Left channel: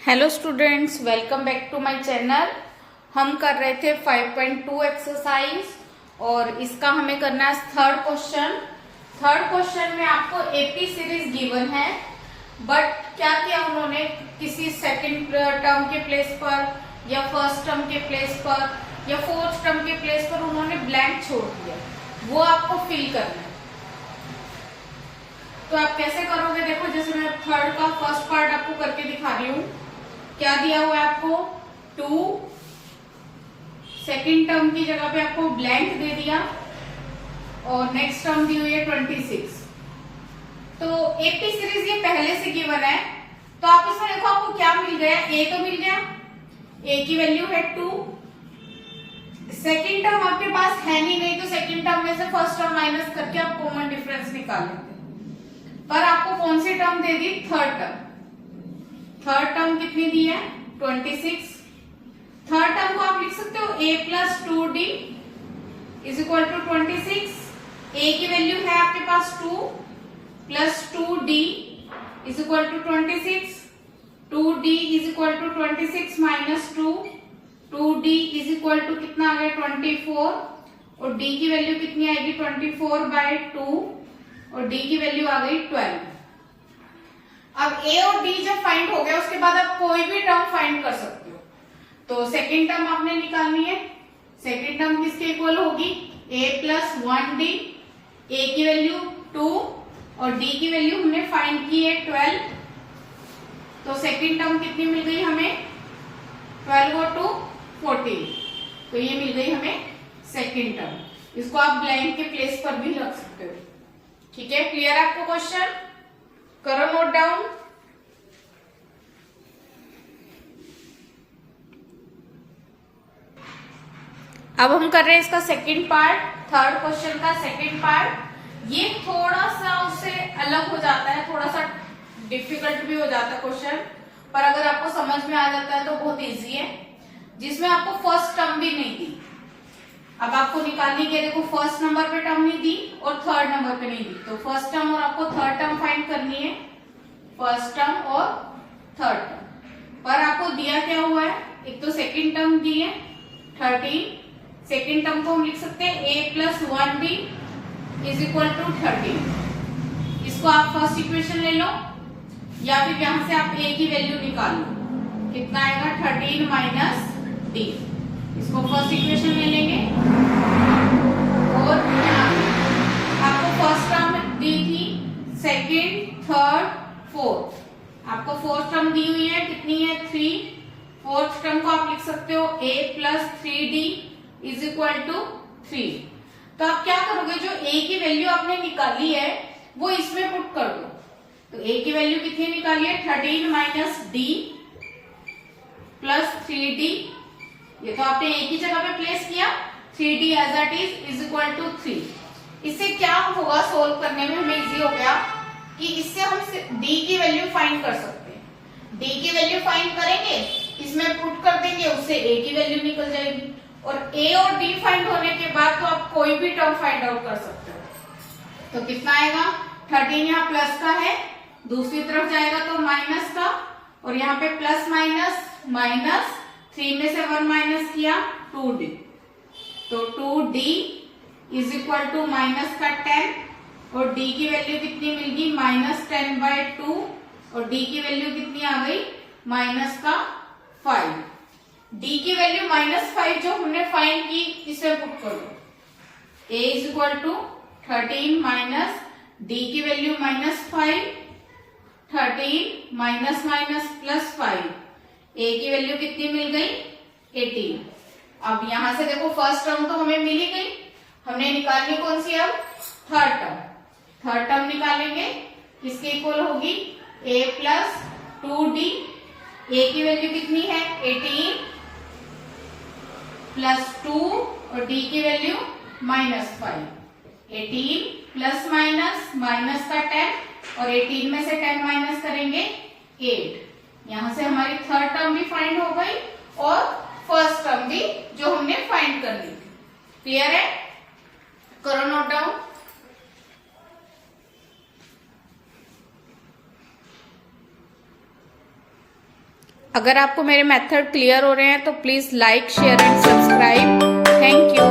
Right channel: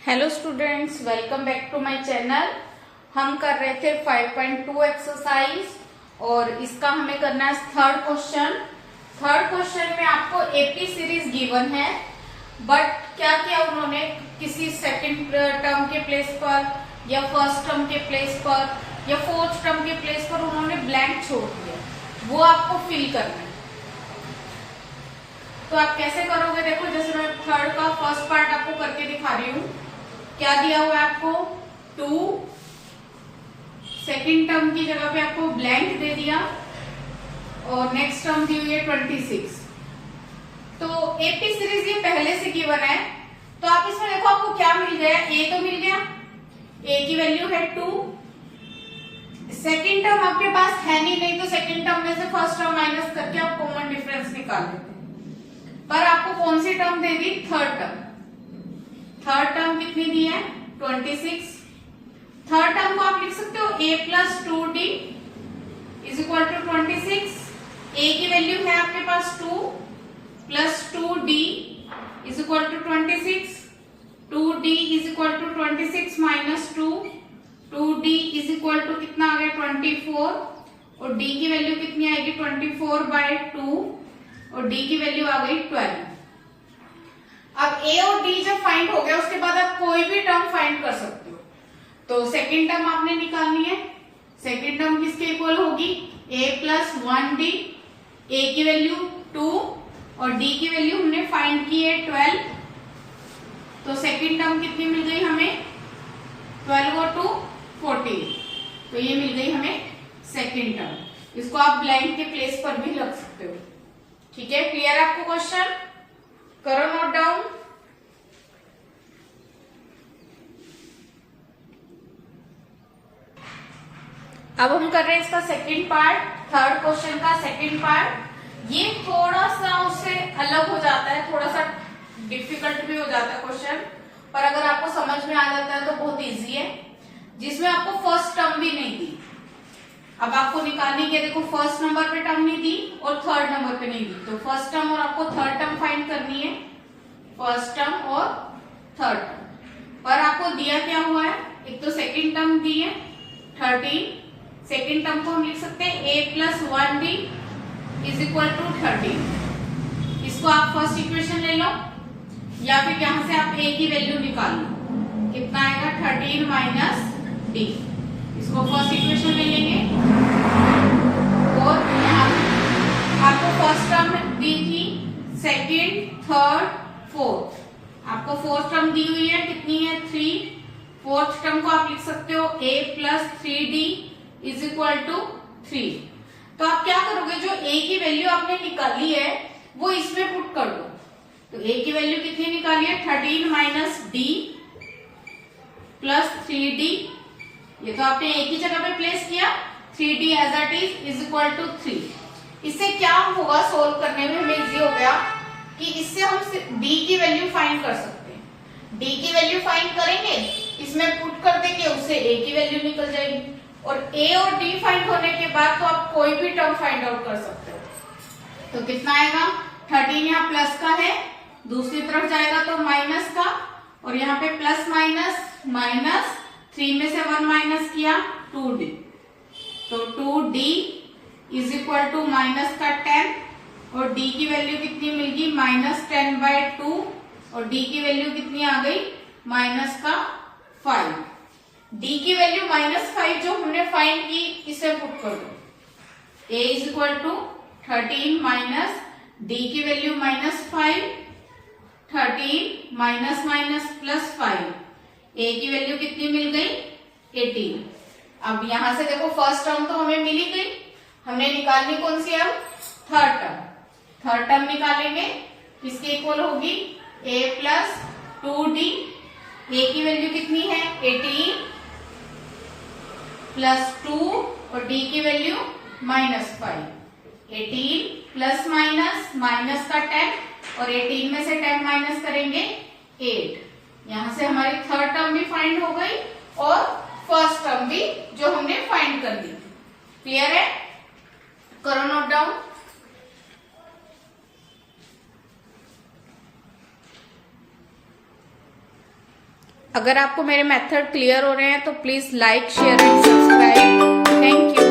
Hello students, welcome back to my channel. हम कर रहे थे 5.2 एक्सरसाइज और इसका हमें करना है थर्ड क्वेश्चन। थर्ड क्वेश्चन में आपको एपी सीरीज गिवन है, बट क्या किया उन्होंने, किसी सेकंड टर्म के प्लेस पर या फर्स्ट टर्म के प्लेस पर या फोर्थ टर्म के प्लेस पर उन्होंने ब्लैंक छोड़ दिए, वो आपको फिल करना है। तो आप कैसे करोगे? देखो, जैसे मैं थर्ड का फर्स्ट पार्ट आपको करके दिखा रही हूँ। क्या दिया हुआ है आपको? 2, सेकेंड टर्म की जगह पे आपको ब्लैंक दे दिया और नेक्स्ट टर्म दी हुई है 26। तो एपी सीरीज ये पहले से गिवन है, तो आप इसमें देखो आपको क्या मिल गया। ए तो मिल गया, ए की वैल्यू है 2। सेकेंड टर्म आपके पास है नहीं, तो सेकेंड टर्म में से फर्स्ट टर्म माइनस करके आप कॉमन डिफरेंस निकाल लेते हैं। पर आपको कौन सी टर्म दे दी? Third term. थर्ड टर्म कितनी दी है? 26। थर्ड टर्म को आप लिख सकते हो a plus 2d is equal to 26। a की वैल्यू है आपके पास 2 plus 2d is equal to 26। 2d is equal to 26 minus 2। 2d is equal to कितना आ गया? 24। और d की वैल्यू कितनी आएगी? 24/2 और d की वैल्यू आ गई 12। अब a और d जब फाइंड हो गया, उसके बाद आप कोई भी टर्म फाइंड कर सकते हो। तो सेकेंड टर्म आपने निकालनी है। सेकेंड टर्म किसके इक्वल होगी? a plus 1d। a की वैल्यू 2 और d की वैल्यू हमने फाइंड की है 12। तो सेकेंड टर्म कितनी मिल गई हमें? 12 और 2 14। तो ये मिल गई हमें सेकेंड टर्म। इसको आप ब्लैंक के प्लेस पर भी रख सकते हो। ठीक है, क्लियर आपको क्वेश्चन? करो नोट डाउन। अब हम कर रहे हैं इसका सेकंड पार्ट, थर्ड क्वेश्चन का सेकंड पार्ट। ये थोड़ा सा उससे अलग हो जाता है, थोड़ा सा डिफिकल्ट भी हो जाता है क्वेश्चन, पर अगर आपको समझ में आ जाता है तो बहुत इजी है। जिसमें आपको फर्स्ट टर्म भी नहीं दी। अब आपको निकालने के, देखो फर्स्ट नंबर पे टर्म नहीं दी और थर्ड नंबर पे नहीं दी, तो फर्स्ट टर्म और आपको थर्ड टर्म फाइंड करनी है। फर्स्ट टर्म और थर्ड टर्म पर आपको दिया क्या हुआ है? एक तो सेकेंड टर्म दी है 13। सेकेंड टर्म को हम लिख सकते हैं a plus 1d is equal to 13। इसको आप फर्स्ट इक्वेशन ले लो या फिर यहां से आप a की वैल्यू निकाल लो। कितना आएगा? 13 माइनस d। इसको फर्स्ट इक्वेशन में लेंगे और आपको फर्स्ट टर्म दी थी, सेकेंड, थर्ड, फोर्थ। आपको फोर्थ टर्म दी हुई है, कितनी है? 3। फोर्थ टर्म को आप लिख सकते हो a plus 3d is equal to 3। तो आप क्या करोगे? जो a की वैल्यू आपने निकाली है वो इसमें पुट कर दो। तो a की वैल्यू कितनी निकाली है? 13 माइनस d प्लस 3d। ये तो आपने a की जगह पे प्लेस किया, 3d as it is equal to 3। इससे क्या होगा? सोल्व करने में हमें इजी हो गया कि इससे हम d की वैल्यू फाइंड कर सकते हैं। d की वैल्यू फाइंड करेंगे, इसमें पुट कर देंगे, उससे a की वैल्यू निकल जाएगी। और a और d फाइंड होने के बाद तो आप कोई भी टर्म फाइंड आउट कर सकते हो। तो कितना आएगा? 13 यहाँ प्लस का है, दूसरी तरफ जाएगा तो माइनस का, और यहाँ पे प्लस माइनस माइनस, 3 में से 1 माइनस किया 2d। तो 2d is equal to minus का 10 और d की वैल्यू कितनी मिल गई? -10/2 और d की वैल्यू कितनी आ गई? माइनस का 5। d की वैल्यू -5 जो हमने फाइंड की, इसे पुट कर दो। a is equal to 13 minus d की value -5, 13 minus minus plus 5। a की वैल्यू कितनी मिल गई? 18। अब यहां से देखो फर्स्ट टर्म तो हमें मिल ही गई, हमने निकालनी कौन सी? अब थर्ड टर्म। थर्ड टर्म निकालेंगे, किसके इक्वल होगी? a plus 2d। a की वैल्यू कितनी है? 18 प्लस 2 और d की वैल्यू -5। 18 प्लस माइनस माइनस का 10 और 18 में से 10 माइनस करेंगे 8। यहां से हमारी थर्ड टर्म भी फाइंड हो गई और फर्स्ट टर्म भी जो हमने फाइंड कर दी थी। क्लियर है? करो नोट डाउन। अगर आपको मेरे मेथड क्लियर हो रहे हैं तो please like share and subscribe. Thank you.